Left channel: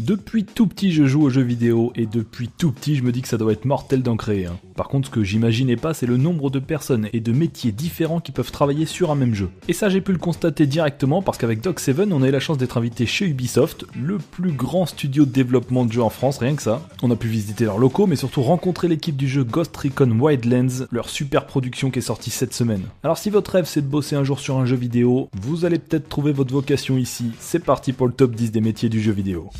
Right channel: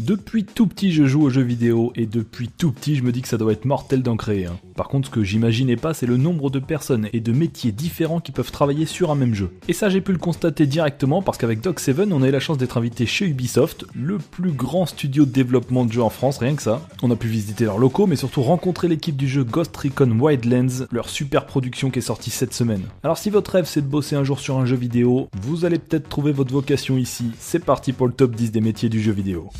Depuis tout petit je joue aux jeux vidéo et depuis tout petit je me dis que ça doit être mortel d'en créer un. Par contre ce que j'imaginais pas c'est le nombre de personnes et de métiers différents qui peuvent travailler sur un même jeu. Et ça j'ai pu le constater directement parce qu'avec Dog7 on a eu la chance d'être invité chez Ubisoft, le plus grand studio de développement de jeux en France, rien que ça. On a pu visiter leurs locaux mais surtout rencontrer l'équipe du jeu Ghost Recon Wildlands, leur super production qui est sortie cette semaine. Alors si votre rêve c'est de bosser un jour sur un jeu vidéo, vous allez peut-être trouver votre vocation ici. C'est parti pour le top 10 des métiers du jeu vidéo.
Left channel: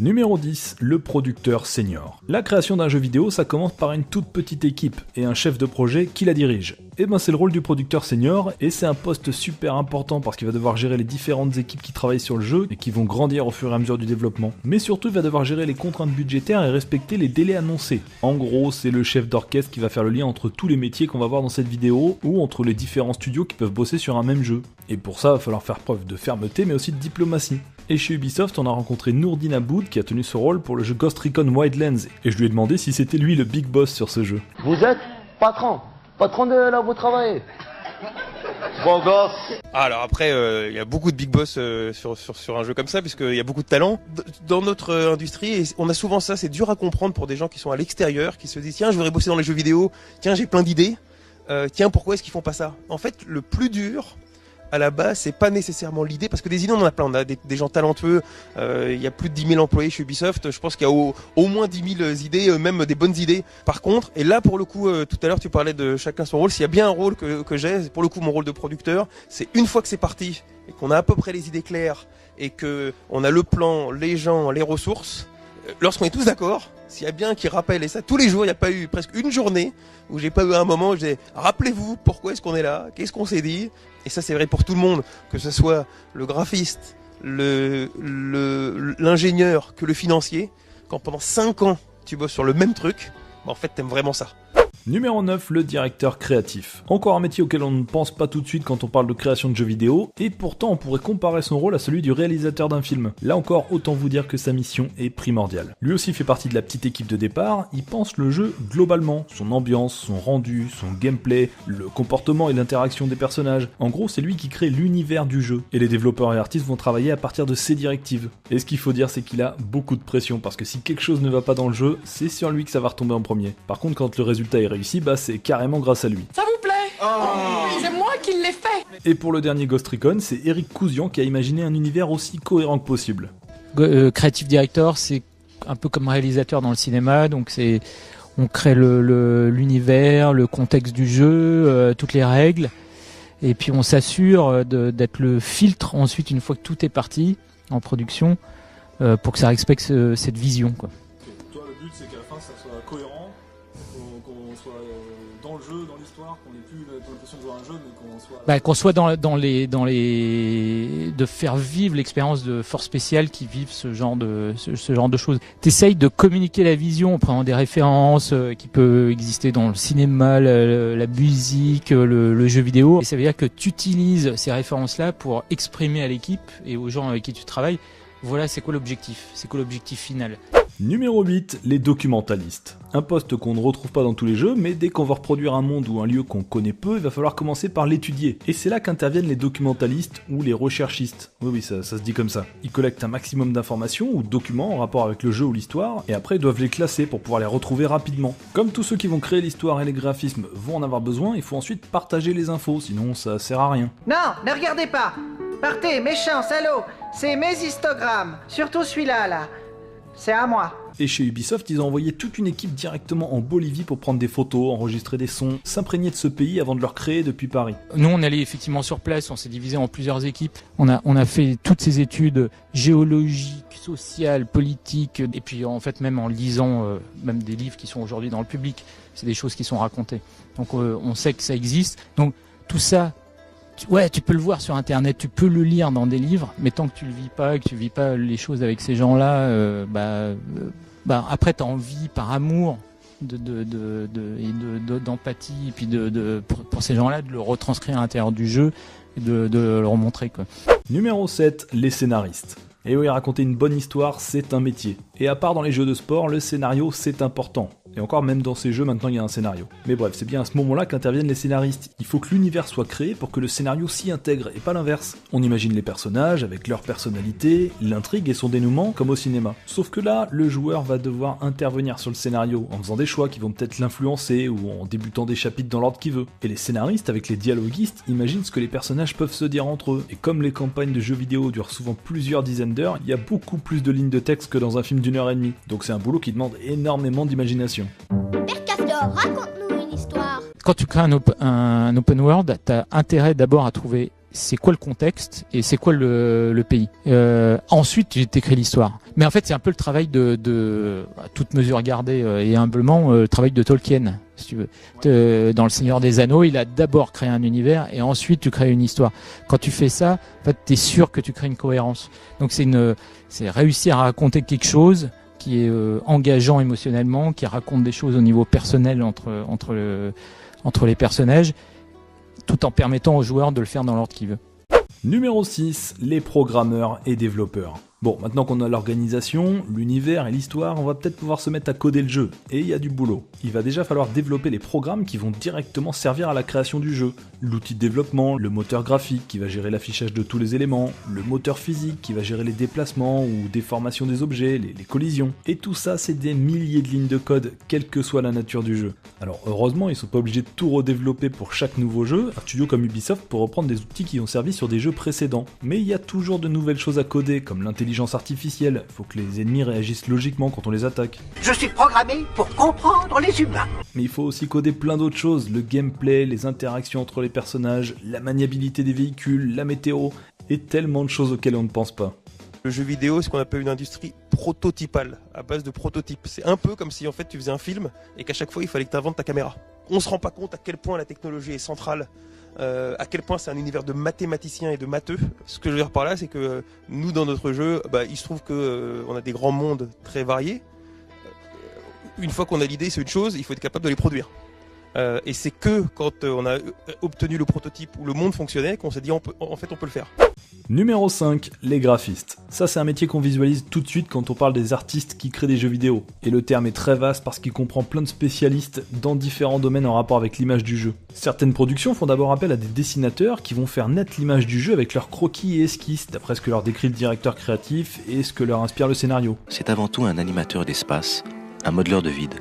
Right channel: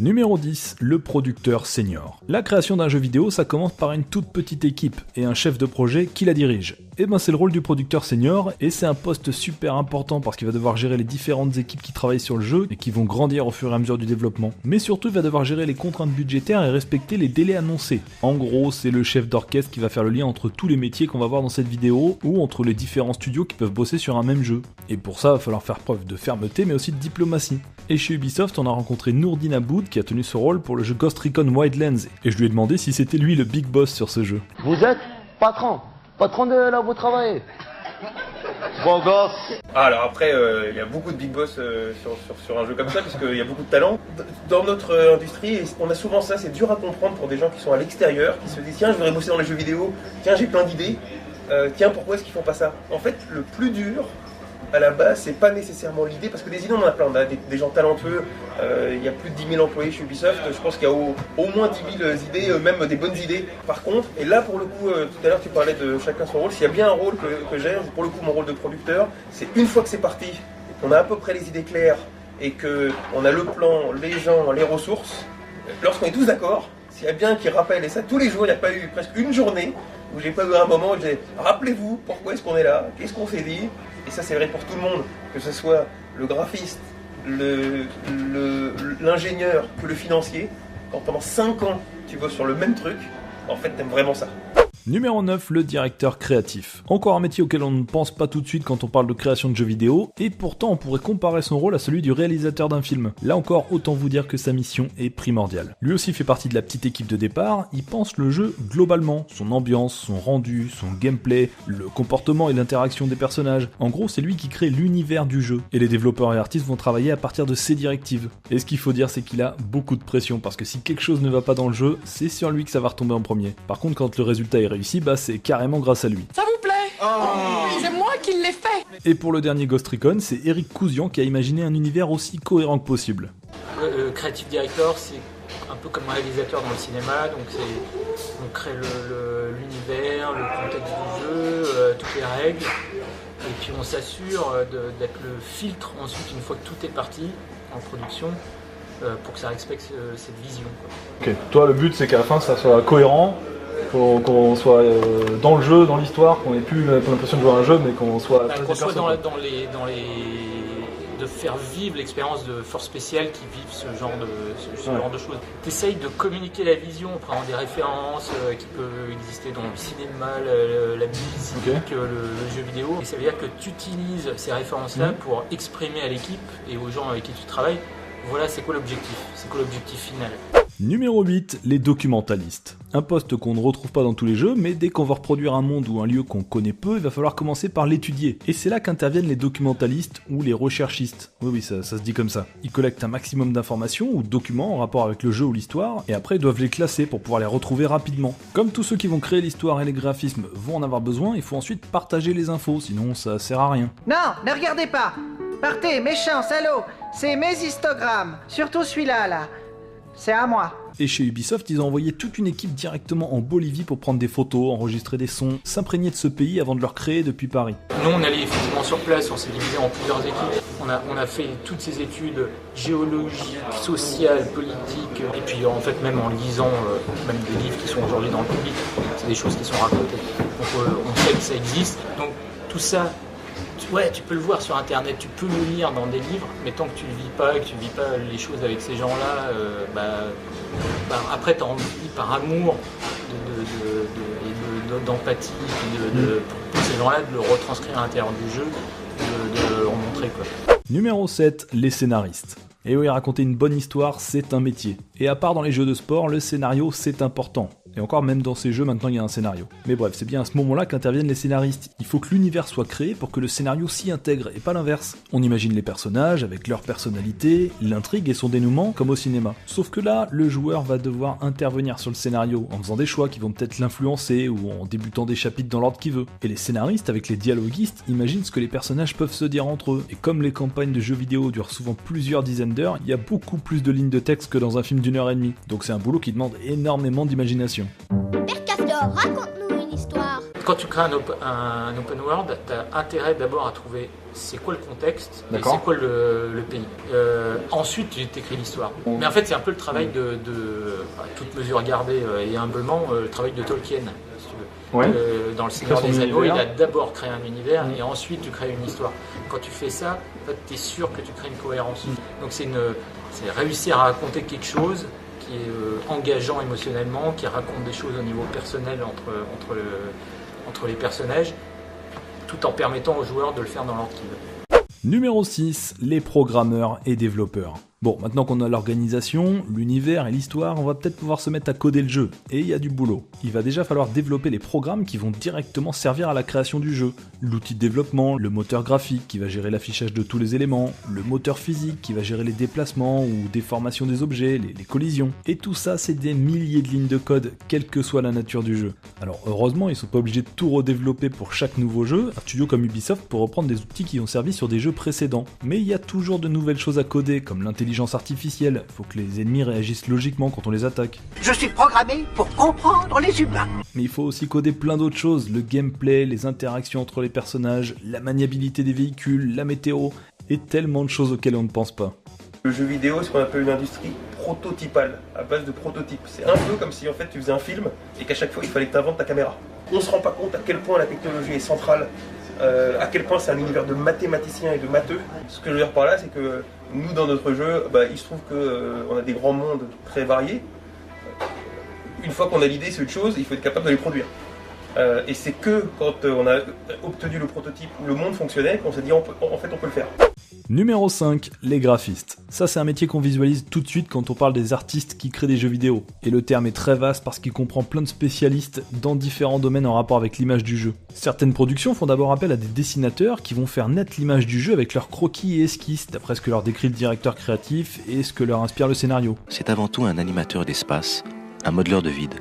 Numéro 10, le producteur senior. La création d'un jeu vidéo, ça commence par une toute petite équipe et un chef de projet qui la dirige. Et ben c'est le rôle du producteur senior et c'est un poste super important parce qu'il va devoir gérer les différentes équipes qui travaillent sur le jeu et qui vont grandir au fur et à mesure du développement. Mais surtout il va devoir gérer les contraintes budgétaires et respecter les délais annoncés. En gros c'est le chef d'orchestre qui va faire le lien entre tous les métiers qu'on va voir dans cette vidéo ou entre les différents studios qui peuvent bosser sur un même jeu. Et pour ça il va falloir faire preuve de fermeté mais aussi de diplomatie. Et chez Ubisoft, on a rencontré Nourdine Aboud qui a tenu ce rôle pour le jeu Ghost Recon Wildlands et je lui ai demandé si c'était lui le big boss sur ce jeu. Vous êtes patron de là où vous travaillez. Bon gosse. Alors après, il y a beaucoup de big boss sur un jeu comme ça, puisqu'il y a beaucoup de talent. Dans notre industrie, on a souvent ça, c'est dur à comprendre pour des gens qui sont à l'extérieur, qui se disent tiens, je voudrais bosser dans les jeux vidéo, tiens, j'ai plein d'idées, tiens, pourquoi est-ce qu'ils font pas ça? En fait, le plus dur, à la base, c'est pas nécessairement l'idée, parce que des idées on en a plein, on a des gens talentueux, il y a plus de 10 000 employés chez Ubisoft, je pense qu'il y a au moins 10 000 idées, même des bonnes idées. Par contre, et là pour le coup, tout à l'heure tu parlais de chacun son rôle, s'il y a bien un rôle que j'ai, c'est pour le coup mon rôle de producteur, c'est une fois que c'est parti, et qu'on a à peu près les idées claires, et qu'on a le plan, les gens, les ressources, lorsqu'on est tous d'accord, s'il y a bien qui rappelle, et ça tous les jours, il n'y a pas eu presque une journée où j'ai pas eu un moment où j'ai rappelez-vous pourquoi est-ce qu'on est là, qu'est-ce qu'on s'est dit. Et ça c'est vrai pour tout le monde, que ce soit le graphiste, l'ingénieur, que le financier. Quand pendant 5 ans tu bosses sur le même truc, en fait t'aimes vraiment ça. Numéro 9, le directeur créatif. Encore un métier auquel on ne pense pas tout de suite quand on parle de création de jeux vidéo, et pourtant on pourrait comparer son rôle à celui du réalisateur d'un film. Là encore, autant vous dire que sa mission est primordiale. Lui aussi fait partie de la petite équipe de départ, il pense le jeu globalement, son ambiance, son rendu, son gameplay, le comportement et l'interaction des personnages. En gros, c'est lui qui crée l'univers du jeu, et les développeurs et artistes vont travailler à partir de ses directives. Et ce qu'il faut dire, c'est qu'il a beaucoup de pression, parce que si quelque chose ne va pas dans le jeu, c'est sur lui que ça va retomber en premier. Par contre, quand le résultat est réussi, bah c'est carrément grâce à lui. Ça vous plaît? C'est moi qui l'ai fait. Et pour le dernier Ghost Recon, c'est Eric Cousian qui a imaginé un univers aussi cohérent que possible. Creative Director, c'est un peu comme réalisateur dans le cinéma, donc on crée l'univers, le contexte du jeu, toutes les règles, et puis on s'assure d'être le filtre ensuite une fois que tout est parti en production pour que ça respecte cette vision, quoi. Ok, toi le but c'est qu'à la fin ça soit cohérent, qu'on soit dans le jeu, dans l'histoire, qu'on ait plus l'impression de jouer à un jeu, mais qu'on soit... qu'on soit dans les... de faire vivre l'expérience de forces spéciales qui vivent ce genre de choses. T'essayes de communiquer la vision en prenant des références qui peuvent exister dans le cinéma, la musique, le jeu vidéo. Et ça veut dire que tu utilises ces références-là pour exprimer à l'équipe et aux gens avec qui tu travailles, voilà c'est quoi l'objectif final. Numéro 8, les documentalistes. Un poste qu'on ne retrouve pas dans tous les jeux, mais dès qu'on va reproduire un monde ou un lieu qu'on connaît peu, il va falloir commencer par l'étudier. Et c'est là qu'interviennent les documentalistes ou les recherchistes. Oui, ça se dit comme ça. Ils collectent un maximum d'informations ou de documents en rapport avec le jeu ou l'histoire, et après ils doivent les classer pour pouvoir les retrouver rapidement. Comme tous ceux qui vont créer l'histoire et les graphismes vont en avoir besoin, il faut ensuite partager les infos, sinon ça sert à rien. Non, ne regardez pas. Partez, méchant, salaud. C'est mes histogrammes. Surtout celui-là, là. C'est à moi. Et chez Ubisoft, ils ont envoyé toute une équipe directement en Bolivie pour prendre des photos, enregistrer des sons, s'imprégner de ce pays avant de le recréer depuis Paris. Nous, on allait effectivement sur place, on s'est divisé en plusieurs équipes. On a fait toutes ces études géologiques, sociales, politiques, et puis en fait même en lisant même des livres qui sont aujourd'hui dans le public, c'est des choses qui sont racontées. Donc on sait que ça existe. Donc tout ça, ouais, tu peux le voir sur internet, tu peux le lire dans des livres, mais tant que tu le vis pas, que tu vis pas les choses avec ces gens-là, après tu as envie par amour d'empathie, pour ces gens-là, de le retranscrire à l'intérieur du jeu, de le remontrer, quoi. Numéro 7, les scénaristes. Et oui, raconter une bonne histoire, c'est un métier. Et à part dans les jeux de sport, le scénario, c'est important. Et encore, même dans ces jeux, maintenant, il y a un scénario. Mais bref, c'est bien à ce moment-là qu'interviennent les scénaristes. Il faut que l'univers soit créé pour que le scénario s'y intègre, et pas l'inverse. On imagine les personnages, avec leur personnalité, l'intrigue et son dénouement, comme au cinéma. Sauf que là, le joueur va devoir intervenir sur le scénario, en faisant des choix qui vont peut-être l'influencer, ou en débutant des chapitres dans l'ordre qu'il veut. Et les scénaristes, avec les dialoguistes, imaginent ce que les personnages peuvent se dire entre eux. Et comme les campagnes de jeux vidéo durent souvent plusieurs dizaines d'heures, il y a beaucoup plus de lignes de texte que dans un film d'1h30. Donc c'est un boulot qui demande énormément d'imagination. Père Castor, raconte-nous une histoire. Quand tu crées un open world, tu as intérêt d'abord à trouver c'est quoi le contexte et c'est quoi le pays. Ensuite, tu t'écris l'histoire. Mais en fait, c'est un peu le travail de à toute mesure gardée et humblement, le travail de Tolkien, si tu veux. Ouais. Dans Le Seigneur des Anneaux, il a d'abord créé un univers et ensuite tu crées une histoire. Quand tu fais ça, en fait, tu es sûr que tu crées une cohérence. Donc c'est réussir à raconter quelque chose qui est engageant émotionnellement, qui raconte des choses au niveau personnel entre les personnages, tout en permettant aux joueurs de le faire dans l'ordre qu'ils veulent. Numéro 6, les programmeurs et développeurs. Bon, maintenant qu'on a l'organisation, l'univers et l'histoire, on va peut-être pouvoir se mettre à coder le jeu. Et il y a du boulot. Il va déjà falloir développer les programmes qui vont directement servir à la création du jeu. L'outil de développement, le moteur graphique qui va gérer l'affichage de tous les éléments, le moteur physique qui va gérer les déplacements ou déformations des objets, les collisions. Et tout ça, c'est des milliers de lignes de code, quelle que soit la nature du jeu. Alors heureusement, ils sont pas obligés de tout redévelopper pour chaque nouveau jeu. Un studio comme Ubisoft peut reprendre des outils qui ont servi sur des jeux précédents. Mais il y a toujours de nouvelles choses à coder, comme l'intelligence artificielle. Faut que les ennemis réagissent logiquement quand on les attaque. Je suis programmé pour comprendre les humains. Mais il faut aussi coder plein d'autres choses, le gameplay, les interactions entre les personnages, la maniabilité des véhicules, la météo, et tellement de choses auxquelles on ne pense pas. Le jeu vidéo, c'est ce qu'on appelle une industrie prototypale, à base de prototypes. C'est un peu comme si en fait tu faisais un film et qu'à chaque fois il fallait que tu inventes ta caméra. On se rend pas compte à quel point la technologie est centrale, à quel point c'est un univers de mathématiciens et de matheux. Ce que je veux dire par là, c'est que nous dans notre jeu, il se trouve qu'on a des grands mondes très variés. Une fois qu'on a l'idée, c'est autre chose, il faut être capable de les produire. Et c'est que quand on a obtenu le prototype où le monde fonctionnait qu'on s'est dit en fait on peut le faire. Numéro 5, les graphistes. Ça c'est un métier qu'on visualise tout de suite quand on parle des artistes qui créent des jeux vidéo. Et le terme est très vaste parce qu'il comprend plein de spécialistes dans différents domaines en rapport avec l'image du jeu. Certaines productions font d'abord appel à des dessinateurs qui vont faire naître l'image du jeu avec leurs croquis et esquisses, d'après ce que leur décrit le directeur créatif et ce que leur inspire le scénario. C'est avant tout un animateur d'espace, un modeleur de vide.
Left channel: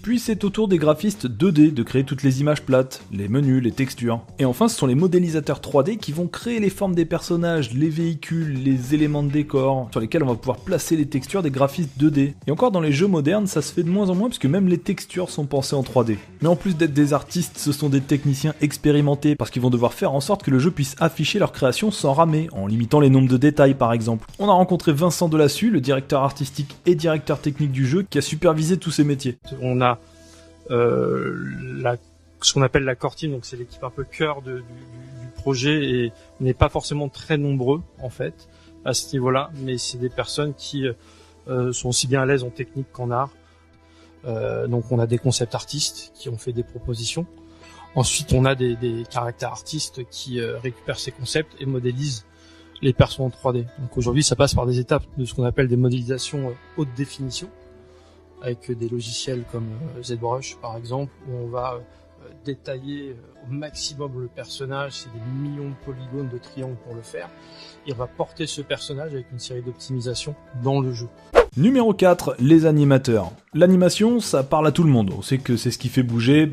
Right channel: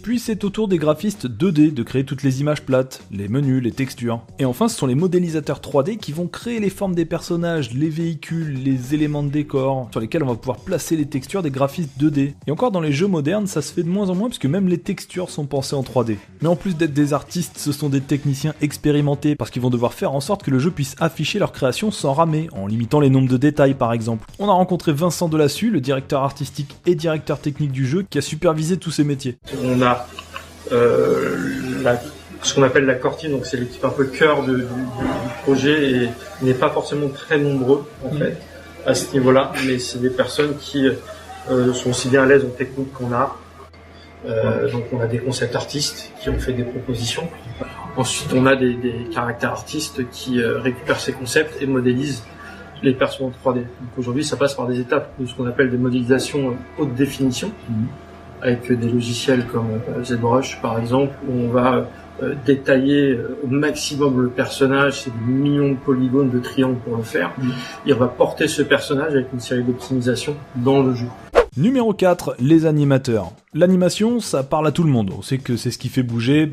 Puis c'est au tour des graphistes 2D de créer toutes les images plates, les menus, les textures. Et enfin ce sont les modélisateurs 3D qui vont créer les formes des personnages, les véhicules, les éléments de décor, sur lesquels on va pouvoir placer les textures des graphistes 2D. Et encore dans les jeux modernes, ça se fait de moins en moins puisque même les textures sont pensées en 3D. Mais en plus d'être des artistes, ce sont des techniciens expérimentés parce qu'ils vont devoir faire en sorte que le jeu puisse afficher leur création sans ramer, en limitant les nombres de détails par exemple. On a rencontré Vincent Delassus, le directeur artistique et directeur technique du jeu, qui a supervisé tous ces métiers. On a ce qu'on appelle la core team, donc c'est l'équipe un peu cœur du projet et n'est pas forcément très nombreux en fait à ce niveau-là, mais c'est des personnes qui sont aussi bien à l'aise en technique qu'en art. Donc on a des concept artistes qui ont fait des propositions. Ensuite on a des caractères artistes qui récupèrent ces concepts et modélisent les persos en 3D. Donc aujourd'hui ça passe par des étapes de ce qu'on appelle des modélisations haute définition. Avec des logiciels comme ZBrush par exemple, où on va détailler au maximum le personnage, c'est des millions de polygones de triangles pour le faire, et on va porter ce personnage avec une série d'optimisations dans le jeu. Numéro 4, les animateurs. L'animation, ça parle à tout le monde. On sait que c'est ce qui fait bouger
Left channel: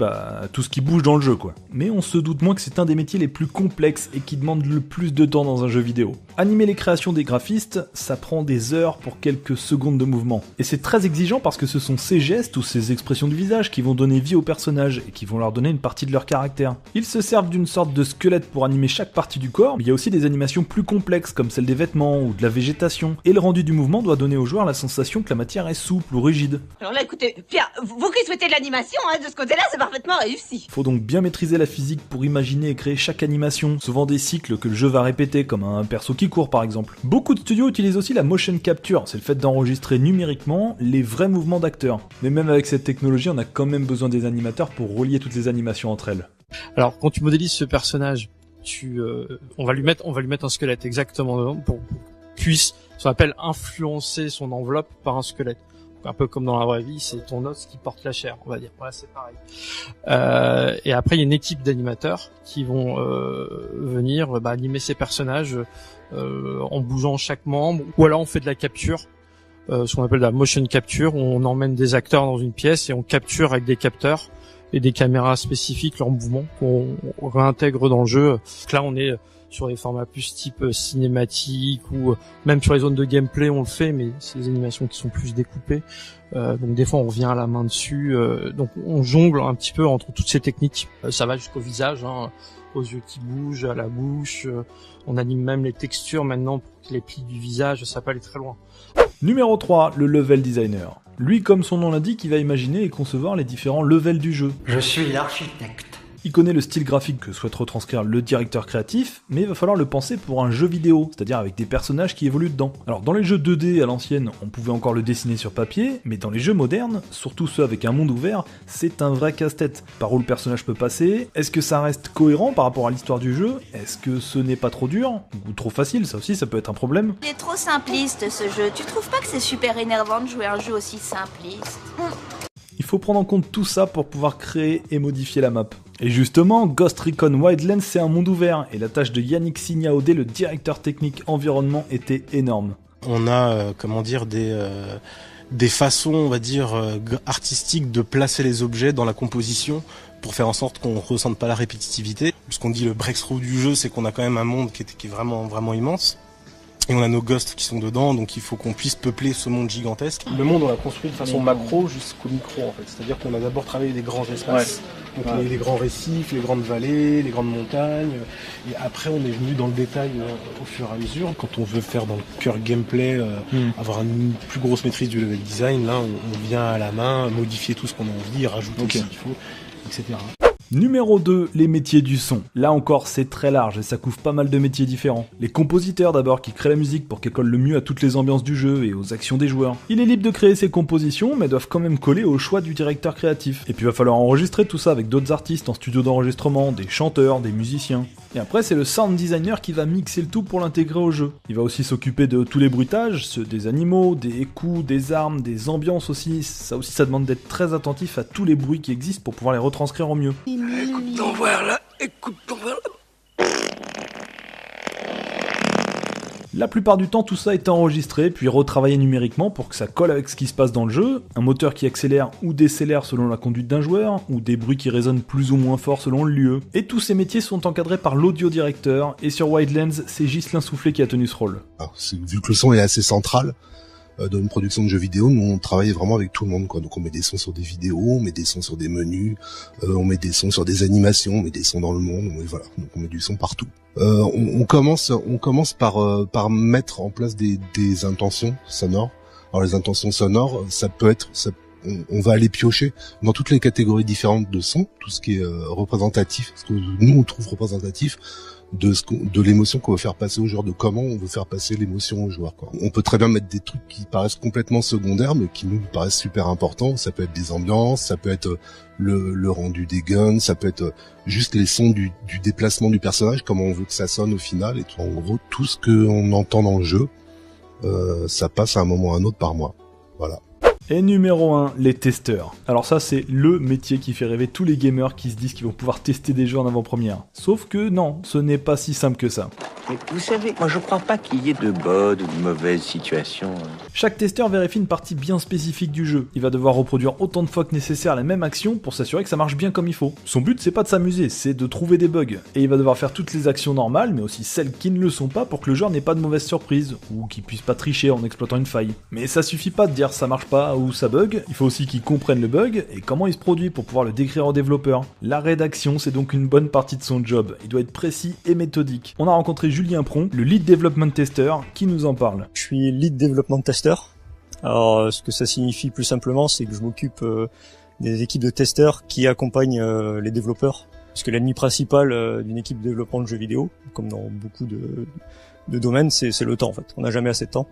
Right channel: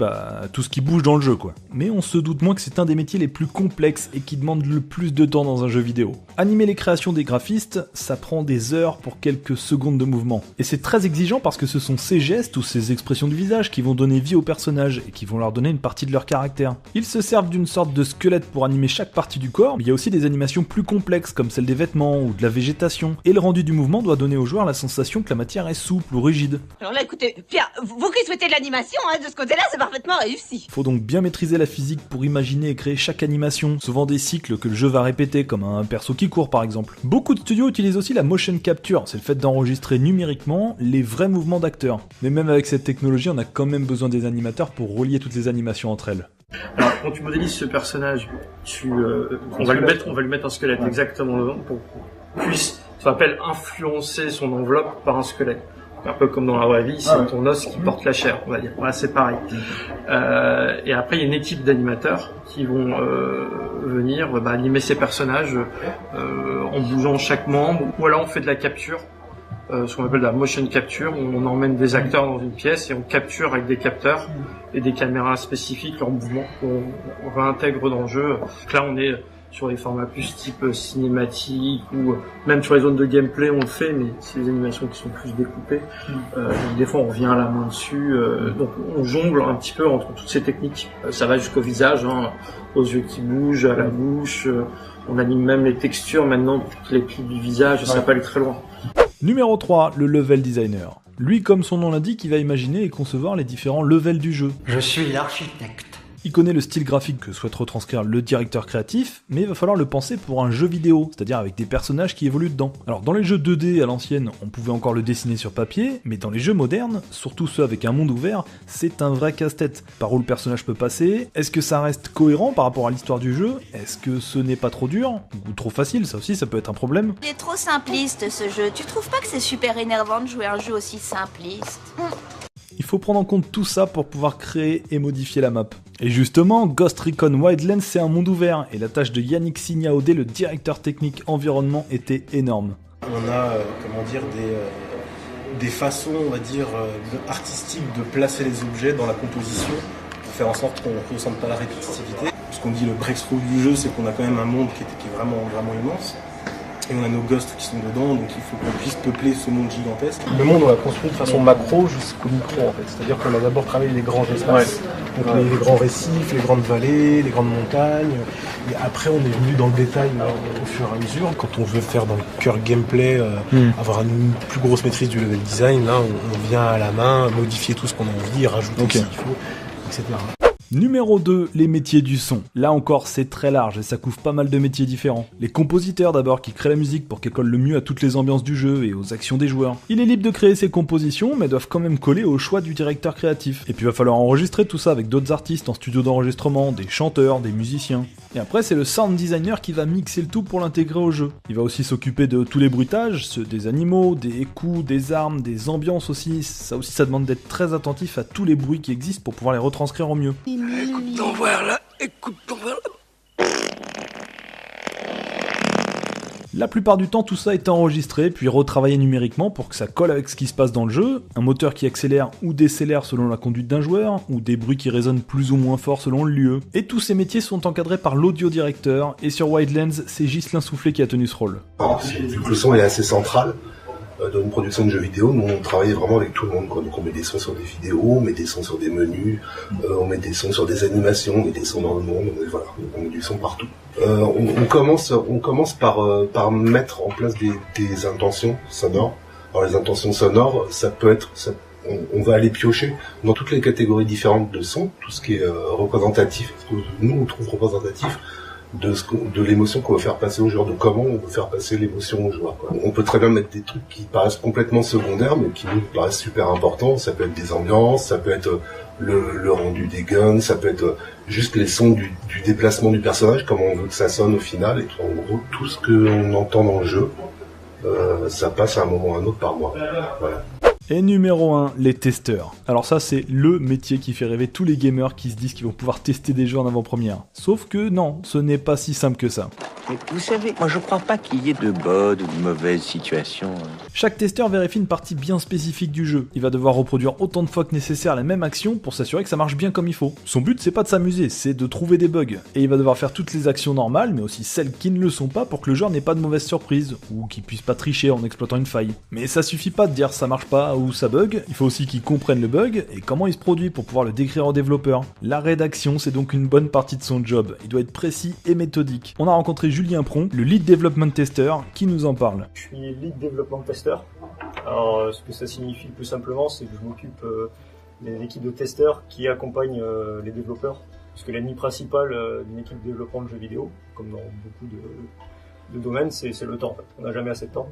tout ce qui bouge dans le jeu, quoi. Mais on se doute moins que c'est un des métiers les plus complexes et qui demande le plus de temps dans un jeu vidéo. Animer les créations des graphistes, ça prend des heures pour quelques secondes de mouvement. Et c'est très exigeant parce que ce sont ces gestes ou ces expressions du visage qui vont donner vie aux personnages et qui vont leur donner une partie de leur caractère. Ils se servent d'une sorte de squelette pour animer chaque partie du corps, mais il y a aussi des animations plus complexes comme celle des vêtements ou de la végétation. Et le rendu du mouvement doit donner au joueur la sensation que la matière est souple ou rigide. Alors là, écoutez, Pierre, vous qui souhaitez de l'animation, de ce côté-là, c'est parfaitement réussi. Faut donc bien maîtriser la physique pour imaginer et créer chaque animation, souvent des cycles que le jeu va répéter, comme un perso qui court par exemple. Beaucoup de studios utilisent aussi la motion capture, c'est le fait d'enregistrer numériquement les vrais mouvements d'acteurs. Mais même avec cette technologie, on a quand même besoin des animateurs pour relier toutes les animations entre elles. Alors, quand tu modélises ce personnage, on va lui mettre un squelette exactement devant pour qu'il puisse, ce qu'on appelle influencer son enveloppe par un squelette. Un peu comme dans la vraie vie, c'est ton os qui porte la chair, on va dire. Voilà, c'est pareil. Et après, il y a une équipe d'animateurs qui vont venir animer ces personnages en bougeant chaque membre. Ou alors on fait de la capture, ce qu'on appelle de la motion capture, où on emmène des acteurs dans une pièce et on capture avec des capteurs et des caméras spécifiques leurs mouvements qu'on réintègre dans le jeu. Donc là, on est sur des formats plus type cinématique ou même sur les zones de gameplay on le fait, mais c'est des animations qui sont plus découpées. Donc des fois on revient à la main dessus. Donc on jongle un petit peu entre toutes ces techniques. Ça va jusqu'au visage, aux yeux qui bougent, à la bouche. On anime même les textures maintenant, toutes les plis du visage, ça peut aller très loin. Numéro 3, le level designer. Lui, comme son nom l'indique, il va imaginer et concevoir les différents levels du jeu. Je suis l'architecte. Il connaît le style graphique que souhaite retranscrire le directeur créatif, mais il va falloir le penser pour un jeu vidéo, c'est-à-dire avec des personnages qui évoluent dedans. Alors dans les jeux 2D à l'ancienne, on pouvait encore le dessiner sur papier, mais dans les jeux modernes, surtout ceux avec un monde ouvert, c'est un vrai casse-tête. Par où le personnage peut passer? Est-ce que ça reste cohérent par rapport à l'histoire du jeu? Est-ce que ce n'est pas trop dur? Ou trop facile? Ça aussi, ça peut être un problème. Il est trop simpliste ce jeu, tu trouves pas que c'est super énervant de jouer un jeu aussi simpliste? Il faut prendre en compte tout ça pour pouvoir créer et modifier la map. Et justement, Ghost Recon Wildlands c'est un monde ouvert, et la tâche de Yannick Signaodé, le directeur technique environnement, était énorme. On a, des façons, on va dire, artistiques de placer les objets dans la composition pour faire en sorte qu'on ne ressente pas la répétitivité. Ce qu'on dit le breakthrough du jeu, c'est qu'on a quand même un monde qui est vraiment, vraiment immense. Et on a nos ghosts qui sont dedans, donc il faut qu'on puisse peupler ce monde gigantesque. Le monde, on l'a construit de façon macro jusqu'au micro, en fait. C'est-à-dire qu'on a d'abord travaillé les grands espaces, donc les grands récifs, les grandes vallées, les grandes montagnes. Et après, on est venu dans le détail au fur et à mesure. Quand on veut faire dans le cœur gameplay, avoir une plus grosse maîtrise du level design, là, on vient à la main, modifier tout ce qu'on a envie, rajouter ce qu'il faut, etc. Numéro 2, les métiers du son. Là encore, c'est très large et ça couvre pas mal de métiers différents. Les compositeurs d'abord qui créent la musique pour qu'elle colle le mieux à toutes les ambiances du jeu et aux actions des joueurs. Il est libre de créer ses compositions mais doivent quand même coller au choix du directeur créatif. Et puis il va falloir enregistrer tout ça avec d'autres artistes en studio d'enregistrement, des chanteurs, des musiciens. Et après c'est le sound designer qui va mixer le tout pour l'intégrer au jeu. Il va aussi s'occuper de tous les bruitages, ceux des animaux, des coups, des armes, des ambiances aussi. Ça aussi ça demande d'être très attentif à tous les bruits qui existent pour pouvoir les retranscrire au mieux. Écoute ton verre là, écoute ton verre là. La plupart du temps, tout ça est enregistré, puis retravaillé numériquement pour que ça colle avec ce qui se passe dans le jeu, un moteur qui accélère ou décélère selon la conduite d'un joueur, ou des bruits qui résonnent plus ou moins fort selon le lieu. Et tous ces métiers sont encadrés par l'audio-directeur, et sur Wildlands, c'est Ghislain Soufflet qui a tenu ce rôle. Alors, vu que le son est assez central, dans une production de jeux vidéo, nous on travaille vraiment avec tout le monde, quoi. Donc on met des sons sur des vidéos, on met des sons sur des menus, on met des sons sur des animations, on met des sons dans le monde, voilà, donc on met du son partout. On commence par mettre en place des intentions sonores. Alors les intentions sonores, ça peut être, on va aller piocher dans toutes les catégories différentes de sons, tout ce qui est représentatif, ce que nous on trouve représentatif de l'émotion qu'on veut faire passer au joueur, de comment on veut faire passer l'émotion au joueur, quoi. On peut très bien mettre des trucs qui paraissent complètement secondaires, mais qui nous paraissent super importants. Ça peut être des ambiances, ça peut être le rendu des guns, ça peut être juste les sons du déplacement du personnage, comment on veut que ça sonne au final, et en gros, tout ce qu'on entend dans le jeu, ça passe à un moment ou à un autre par mois. Voilà. Et numéro 1, les testeurs. Alors ça c'est le métier qui fait rêver tous les gamers qui se disent qu'ils vont pouvoir tester des jeux en avant-première. Sauf que non, ce n'est pas si simple que ça. Mais vous savez, moi je crois pas qu'il y ait de bonnes ou de mauvaises situations. Chaque testeur vérifie une partie bien spécifique du jeu. Il va devoir reproduire autant de fois que nécessaire la même action pour s'assurer que ça marche bien comme il faut. Son but c'est pas de s'amuser, c'est de trouver des bugs. Et il va devoir faire toutes les actions normales, mais aussi celles qui ne le sont pas pour que le joueur n'ait pas de mauvaise surprise, ou qu'il puisse pas tricher en exploitant une faille. Mais ça suffit pas de dire ça marche pas ou ça bug, il faut aussi qu'il comprenne le bug et comment il se produit pour pouvoir le décrire aux développeurs. La rédaction c'est donc une bonne partie de son job, il doit être précis et méthodique. On a rencontré Julien Pron, le Lead Development Tester, qui nous en parle. Je suis Lead Development Tester. Alors ce que ça signifie plus simplement c'est que je m'occupe des équipes de testeurs qui accompagnent les développeurs. Parce que l'ennemi principal d'une équipe de développement de jeux vidéo, comme dans beaucoup de domaines, c'est le temps en fait. On n'a jamais assez de temps.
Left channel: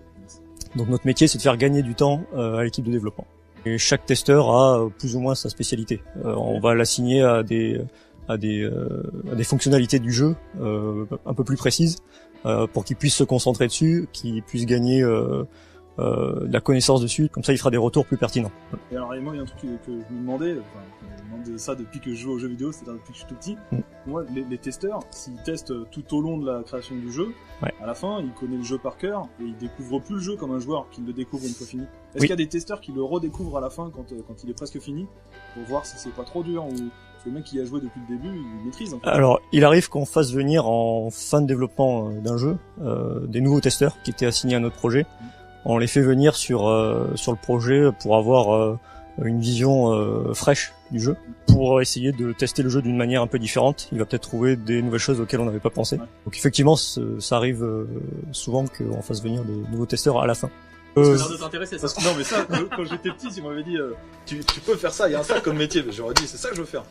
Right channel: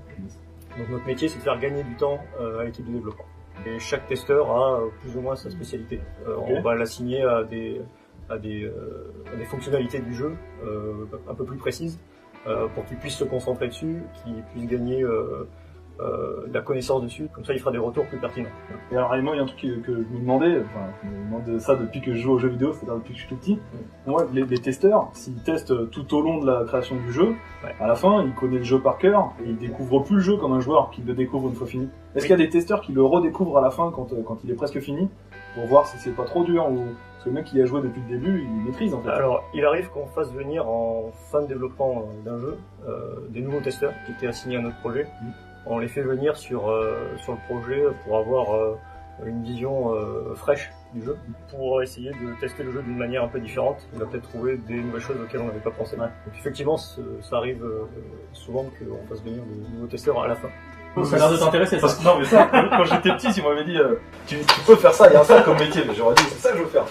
Donc notre métier c'est de faire gagner du temps à l'équipe de développement. Et chaque testeur a plus ou moins sa spécialité. On va l'assigner à des à des fonctionnalités du jeu un peu plus précises, pour qu'il puisse se concentrer dessus, qu'il puisse gagner de la connaissance dessus, comme ça il fera des retours plus pertinents. Et alors moi il y a un truc que je me demandais, je me demande ça depuis que je joue aux jeux vidéo, c'est-à-dire depuis que je suis tout petit. Moi, les testeurs, s'ils testent tout au long de la création du jeu, à la fin ils connaissent le jeu par cœur et ils découvrent plus le jeu comme un joueur qui le découvre une fois fini. Est-ce qu'il y a des testeurs qui le redécouvrent à la fin quand il est presque fini, pour voir si c'est pas trop dur ou... Parce que le mec qui a joué depuis le début, il maîtrise en fait. Alors, il arrive qu'on fasse venir en fin de développement d'un jeu des nouveaux testeurs qui étaient assignés à notre projet. On les fait venir sur le projet pour avoir une vision fraîche du jeu, pour essayer de tester le jeu d'une manière un peu différente. Il va peut-être trouver des nouvelles choses auxquelles on n'avait pas pensé. Donc effectivement, ça arrive souvent qu'on fasse venir de nouveaux testeurs à la fin. Ça a l'air de t'intéresser, ça. Non mais ça, quand j'étais petit, si on m'avait dit tu peux faire ça, il y a ça comme métier, j'aurais dit c'est ça que je veux faire.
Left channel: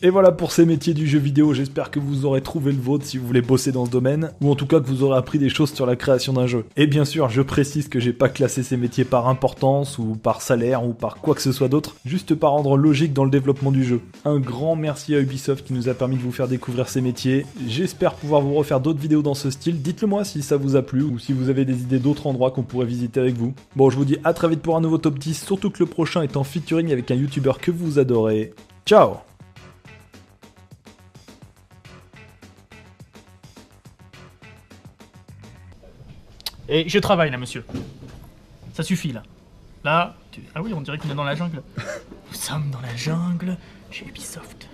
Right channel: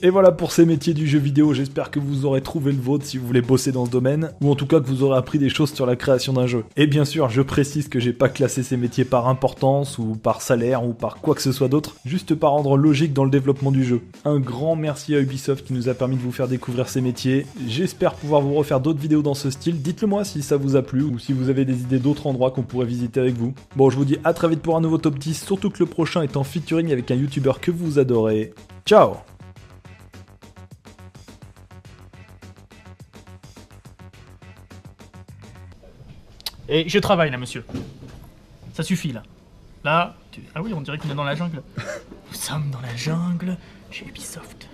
Et voilà pour ces métiers du jeu vidéo, j'espère que vous aurez trouvé le vôtre si vous voulez bosser dans ce domaine, ou en tout cas que vous aurez appris des choses sur la création d'un jeu. Et bien sûr, je précise que j'ai pas classé ces métiers par importance, ou par salaire, ou par quoi que ce soit d'autre, juste par ordre logique dans le développement du jeu. Un grand merci à Ubisoft qui nous a permis de vous faire découvrir ces métiers, j'espère pouvoir vous refaire d'autres vidéos dans ce style, dites-le moi si ça vous a plu, ou si vous avez des idées d'autres endroits qu'on pourrait visiter avec vous. Bon, je vous dis à très vite pour un nouveau top 10, surtout que le prochain est en featuring avec un youtubeur que vous adorez. Ciao! Et je travaille là, monsieur. Ça suffit là. Là, ah oui, on dirait qu'on est dans la jungle. Nous sommes dans la jungle chez Ubisoft.